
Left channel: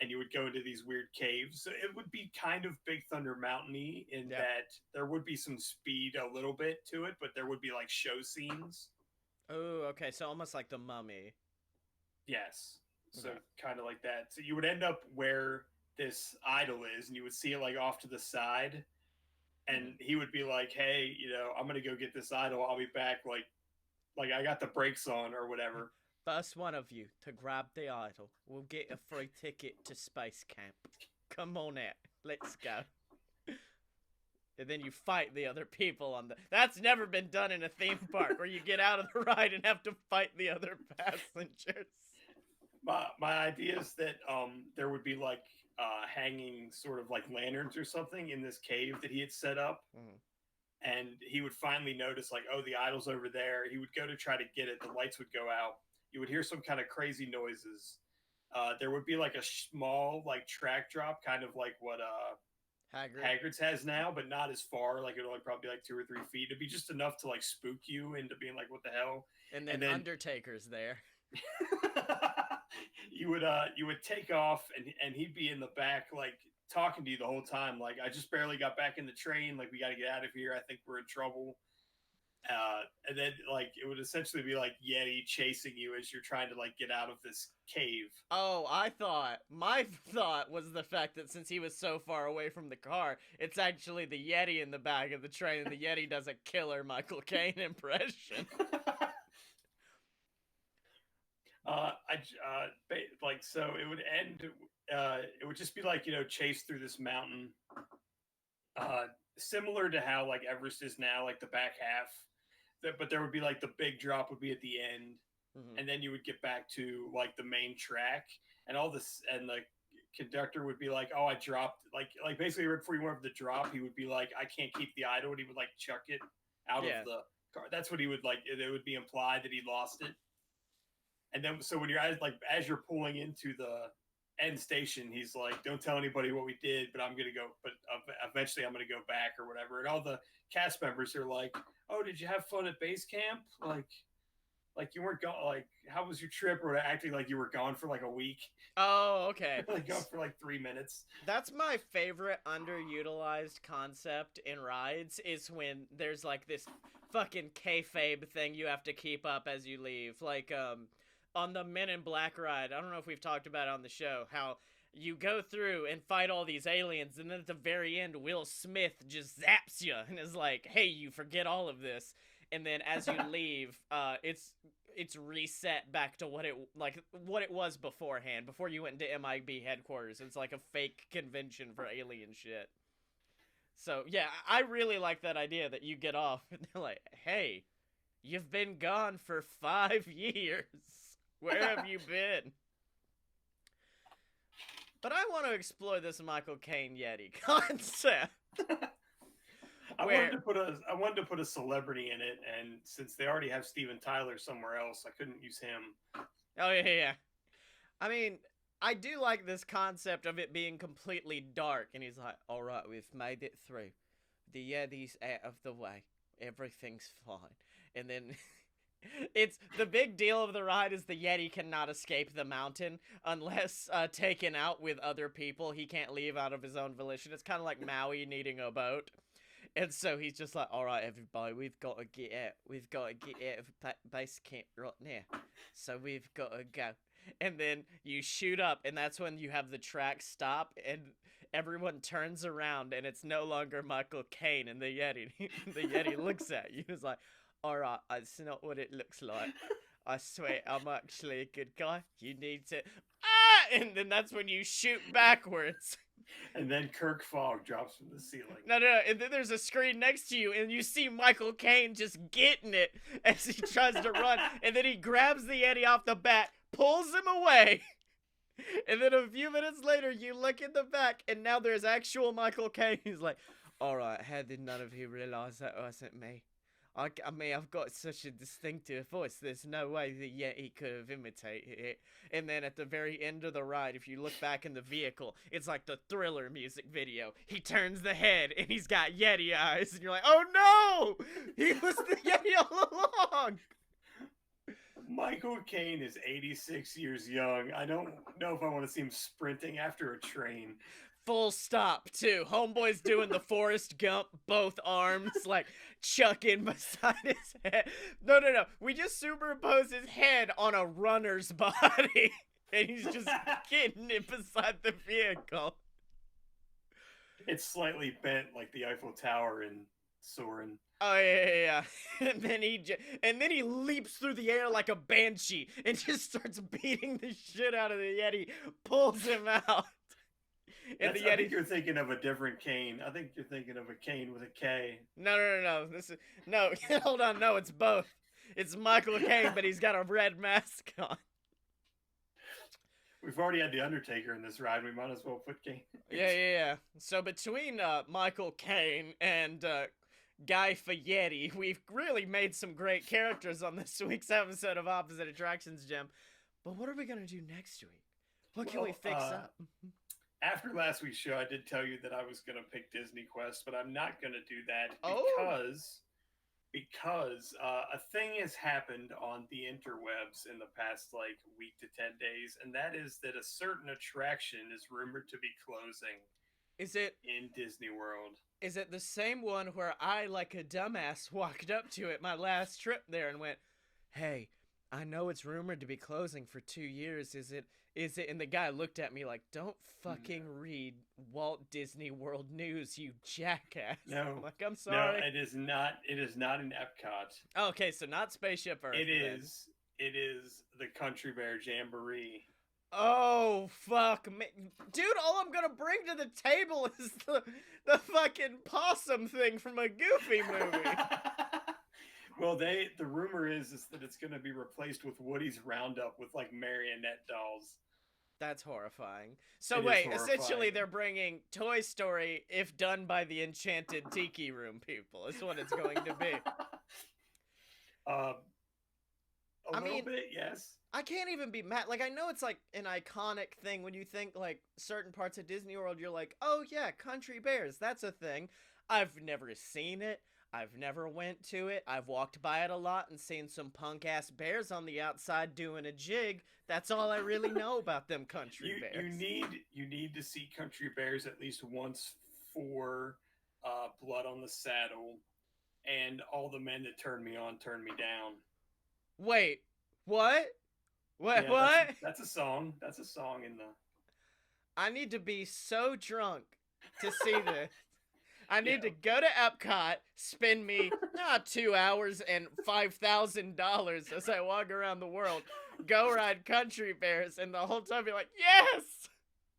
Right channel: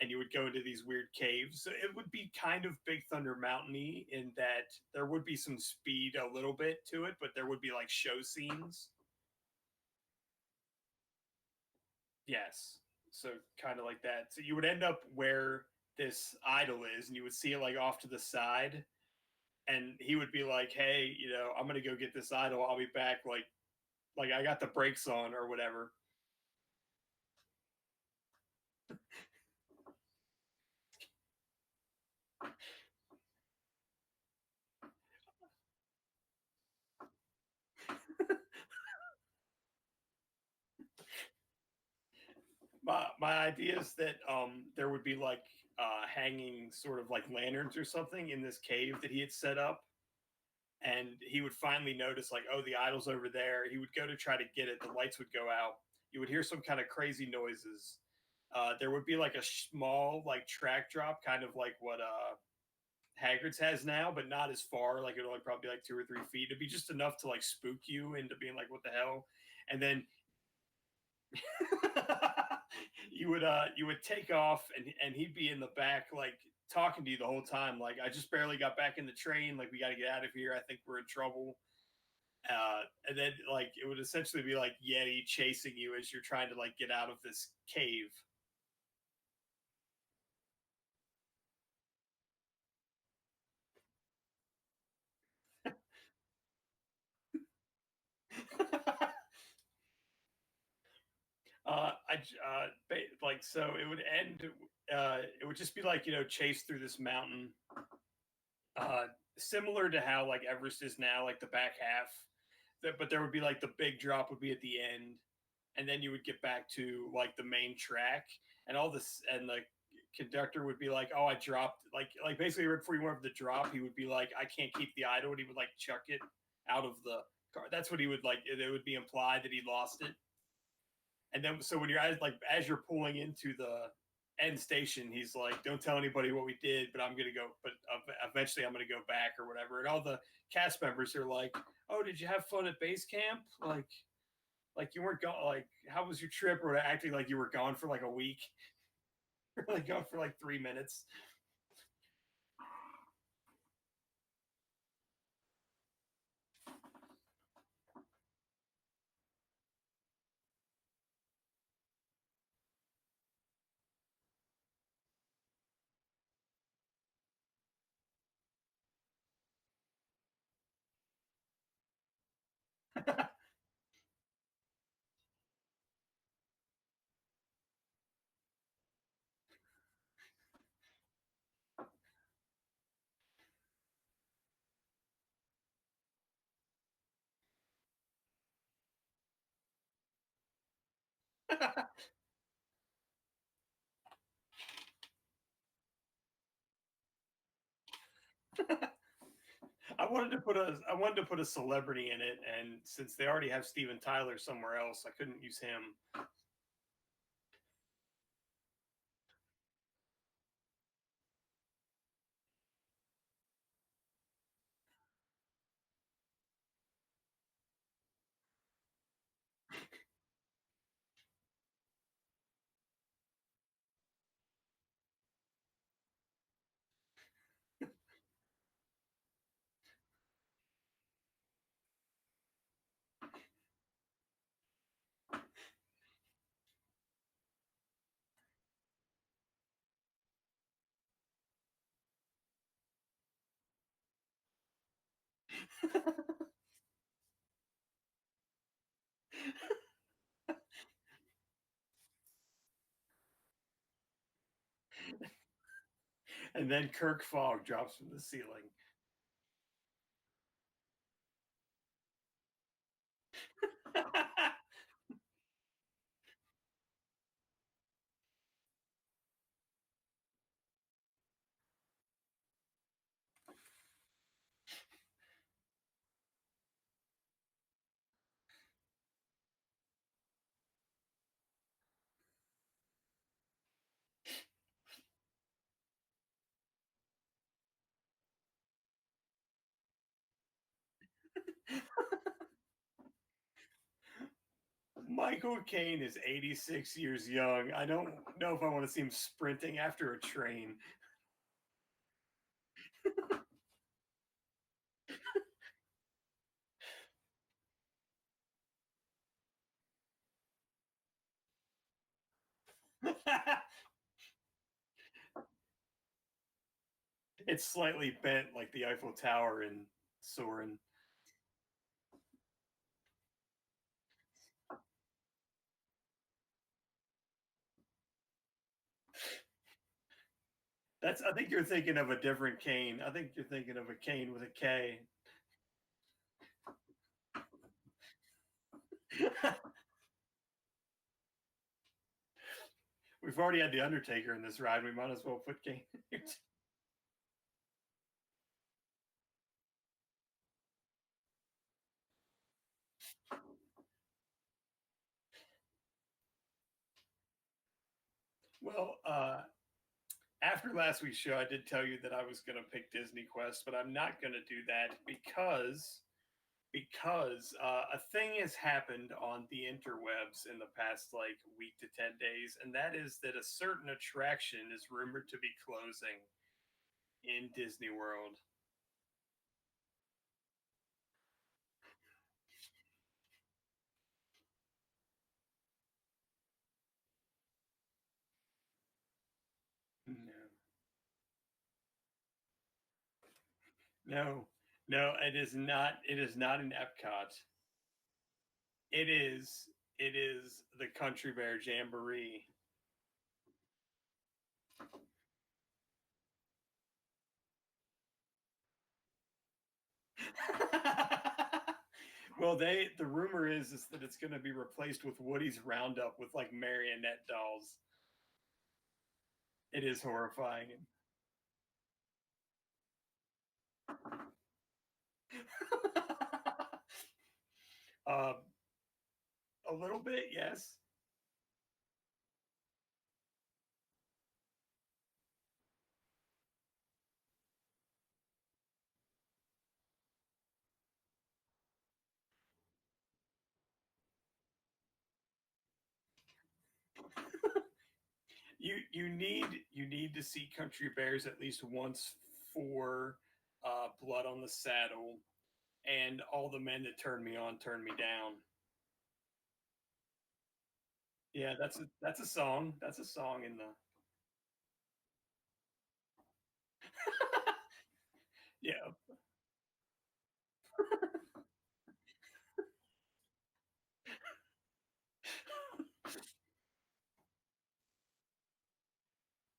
and you would go into these weird caves. So it would be kind of Big Thunder Mountain-y in that there would be some speed a little bit to it, but there would be like show scenes. Oh, okay. So almost like the Mummy. Yes. So kind of like that. So you would end up where this idol is, and you would see it like off to the side, and he would be like, "Hey, you know, I'm gonna go get this idol. I'll be back. Like I got the brakes on or whatever." First one of you to grab the idol will get a free ticket to space camp. Come on out. Let's go. And then you fight the other people on the... That's never been done in a theme park, where you get out of the ride and have to fight the other passengers. My idea is that there would be like hanging sort of like lanterns or something in this cave that he had set up. And he would finally notice like, oh, the idol's over there. He would go to try to get it. The lights would go out. You would hear some kind of crazy noises. There would be like a small like track drop, kind of like what Hagrid's has now, but not as far. Like it'll like probably like 2 or 3 feet. It'd be just enough to like spook you into being like, what the hell? And then Undertaker's there. you would take off and he'd be in the back like talking to you the whole time. Like, I just barely got back in the train. Like, we got to get out of here. I think we're in trouble. And then like it would essentially be like Yeti chasing you as you're trying to like get out of this cave. Oh, my thought was the fact that since he was so far away from the car, it's actually the Yeti in the back of the train, and the Yeti does a killer Michael Caine impression. So it would end. It would just be like, you know, chase through this mountain. Similar to how like Everest is now, like the back half. But there would be like the big drop would be at the end, and then you would get back to like the main track, and all this, and the conductor would be like, "Oh, I dropped." Like basically right before you went over the drop, he would be like, "I can't keep the idol," and he would like chuck it out of the car. That's what he would like. It would be implied that he lost it. And then, so when you're as you're pulling into the end station, he's like, "Don't tell anybody what we did, but I'm gonna go. But eventually, I'm gonna go back or whatever." And all the cast members are like, "Oh, did you have fun at base camp? Like you weren't gone. Like, how was your trip?" Or acting like you were gone for like a week. Oh, okay. Like gone for like 3 minutes. That's my favorite underutilized concept in rides, is when there's like this fucking kayfabe thing you have to keep up as you leave. Like, on the Men in Black ride, I don't know if we've talked about it on the show, how you go through and fight all these aliens, and then at the very end, Will Smith just zaps you and is like, "Hey, you forget all of this." And then as you leave, it's reset back to what it was beforehand, before you went to MIB headquarters. It's like a fake convention for alien shit. So yeah, I really like that idea that you get off and they're like, "Hey, you've been gone for 5 years. Where have you been?" But I want to explore this Michael Caine Yeti concept. I wanted to put a celebrity in it, and since they already have Steven Tyler somewhere else, I couldn't use him. Oh yeah. I mean, I do like this concept of it being completely dark, and he's like, "All right, we've made it through. The Yeti's out of the way. Everything's fine." And then it's the big deal of the ride is the Yeti cannot escape the mountain unless taken out with other people. He can't leave out of his own volition. It's kind of like Maui needing a boat. And so he's just like, "All right, everybody, we've got to get out. We've got to get out of base camp right now. So we've got to go." And then you shoot up, and that's when you have the track stop, and everyone turns around, and it's no longer Michael Caine and the Yeti. The Yeti looks at you. It's like, "All right, it's not what it looks like. I swear, I'm actually a good guy. You need to..." Ah! And then that's when you shoot backwards. And then Kirk Fogg drops from the ceiling. No. And then there's a screen next to you, and you see Michael Caine just getting it as he tries to run. And then he grabs the Yeti off the bat, pulls him away. And then a few minutes later, you look in the back, and now there's actual Michael Caine. He's like, "All right, how did none of you realize that wasn't me? I mean, I've got such a distinctive voice. There's no way the Yeti could have imitated it." And then at the very end of the ride, if you look back in the vehicle, it's like the Thriller music video. He turns the head, and he's got Yeti eyes. And you're like, "Oh no! He was the Yeti all along!" Michael Caine is 86 years young. I don't know if I want to see him sprinting after a train. Full stop, too. Homeboy's doing the Forrest Gump, both arms, like, chucking beside his head. No. We just superimpose his head on a runner's body. And he's just getting it beside the vehicle. It's slightly bent like the Eiffel Tower in Soarin'. Oh yeah. And then he leaps through the air like a banshee and just starts beating the shit out of the Yeti, pulls him out. I think you're thinking of a different Caine. I think you're thinking of a Caine with a K. No. No. Hold on. No, it's both. It's Michael Caine, but he's got a red mask on. We've already had the Undertaker in this ride. We might as well put Caine. Yeah. So between Michael Caine and Guy Fieri, we've really made some great characters on this week's episode of Opposite Attractions, Jim. But what are we gonna do next week? What can we fix up? After last week's show, I did tell you that I was going to pick Disney Quest, but I'm not going to do that because a thing has happened on the interwebs in the past week to 10 days, and that is that a certain attraction is rumored to be closing. Is it in Disney World? Is it the same one where I, like a dumbass, walked up to it my last trip there and went, "Hey, I know it's rumored to be closing for 2 years. Is it? And the guy looked at me like, "Don't fucking read Walt Disney World News, you jackass." No. Like, I'm sorry. No, it is not. It is not in Epcot. Okay, so not Spaceship Earth. It is the Country Bear Jamboree. Oh, fuck. Dude, all I'm gonna bring to the table is the fucking possum thing from a Goofy movie. Well, the rumor is that it's going to be replaced with Woody's Roundup with marionette dolls. That's horrifying. So wait, essentially they're bringing Toy Story if done by the Enchanted Tiki Room people. Is what it's going to be. A little bit, yes. I can't even be mad. I know it's an iconic thing when you think certain parts of Disney World. You're like, "Oh yeah, Country Bears, that's a thing." I've never seen it. I've never went to it. I've walked by it a lot and seen some punk-ass bears on the outside doing a jig. That's all I really know about them Country Bears. You need to see Country Bears at least once for Blood on the Saddle and All the Men That Turned Me On, Turned Me Down. Wait, what? What? Yeah, what? That's a song. That's a song in the... I need to be so drunk to see this. I need to go to Epcot, spend me 2 hours and $5,000 as I walk around the world, go ride country bears, and the whole time be like, yes,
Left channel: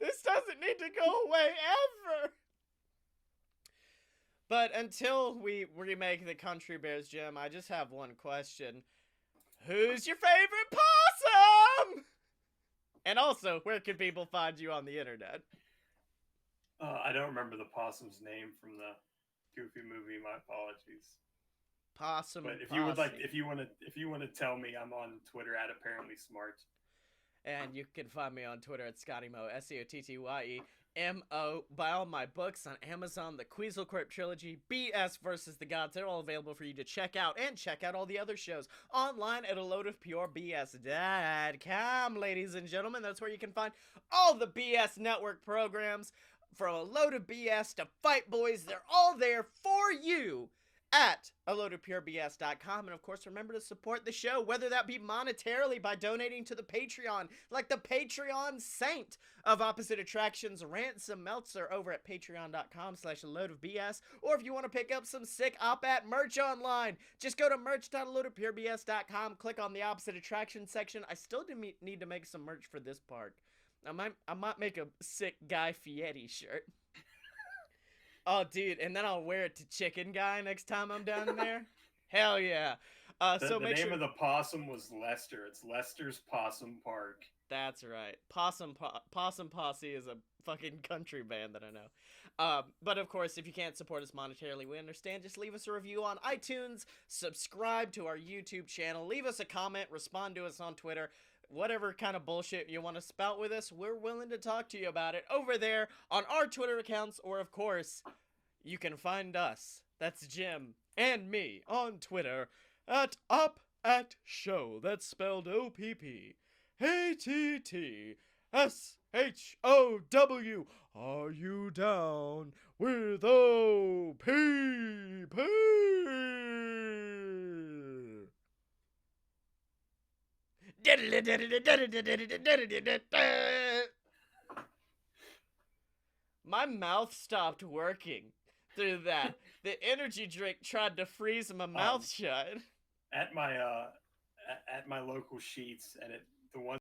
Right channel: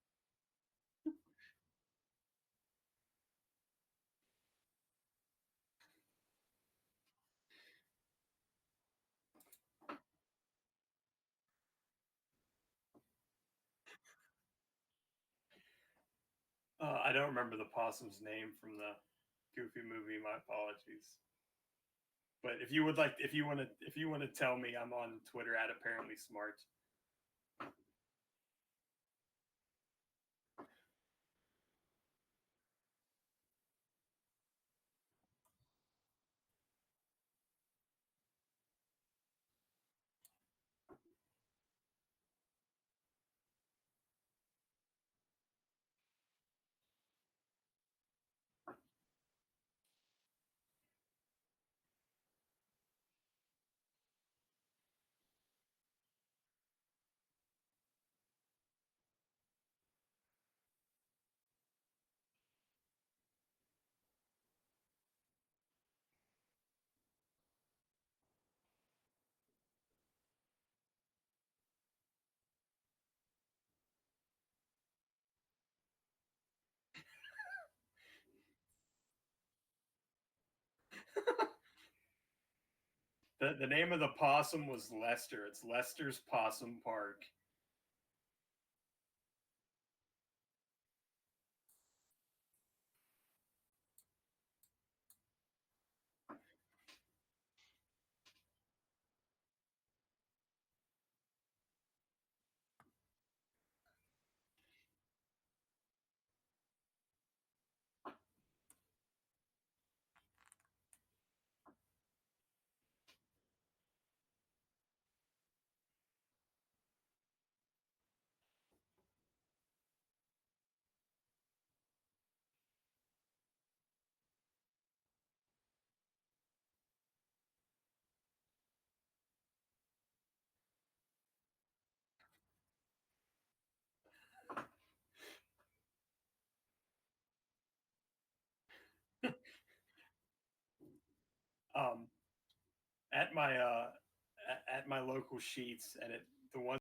this doesn't need to go away ever. But until we remake the country bears, Jim, I just have one question. Who's your favorite possum? And also, where can people find you on the internet? I don't remember the possum's name from the Goofy movie. My apologies. Possum. But if you would like, if you want to tell me, I'm on Twitter at apparently smart. And you can find me on Twitter at ScottyMo, SCOTTYEMO. Buy all my books on Amazon, the Quetzalcoatl Trilogy, BS versus the Gods. They're all available for you to check out. And check out all the other shows online at aloadofpurebs.com, ladies and gentlemen. That's where you can find all the BS Network programs. From A Load of BS to Fight Boys, they're all there for you at aloadofpurebs.com. And of course, remember to support the show, whether that be monetarily by donating to the Patreon, like the Patreon saint of Opposite Attractions, Ransom Meltzer, over at patreon.com/aloadofbs. Or if you want to pick up some sick op-at merch online, just go to merch.aloadofpurebs.com, click on the Opposite Attractions section. I still need to make some merch for this park. I might make a sick Guy Fieri shirt. Oh, dude, and then I'll wear it to Chicken Guy next time I'm down there. Hell yeah. The name of the possum was Lester. It's Lester's Possum Park. That's right. Possum Posse is a fucking country band that I know. But of course, if you can't support us monetarily, we understand. Just leave us a review on iTunes, subscribe to our YouTube channel, leave us a comment, respond to us on Twitter. Whatever kind of bullshit you want to spout with us, we're willing to talk to you about it over there on our Twitter accounts, or of course, you can find us, that's Jim, and me, on Twitter, at UpAtShow, that's spelled OPPATTSHOW. Are you down with OPP? My mouth stopped working through that. The energy drink tried to freeze my mouth shut. At my local Sheets, and the one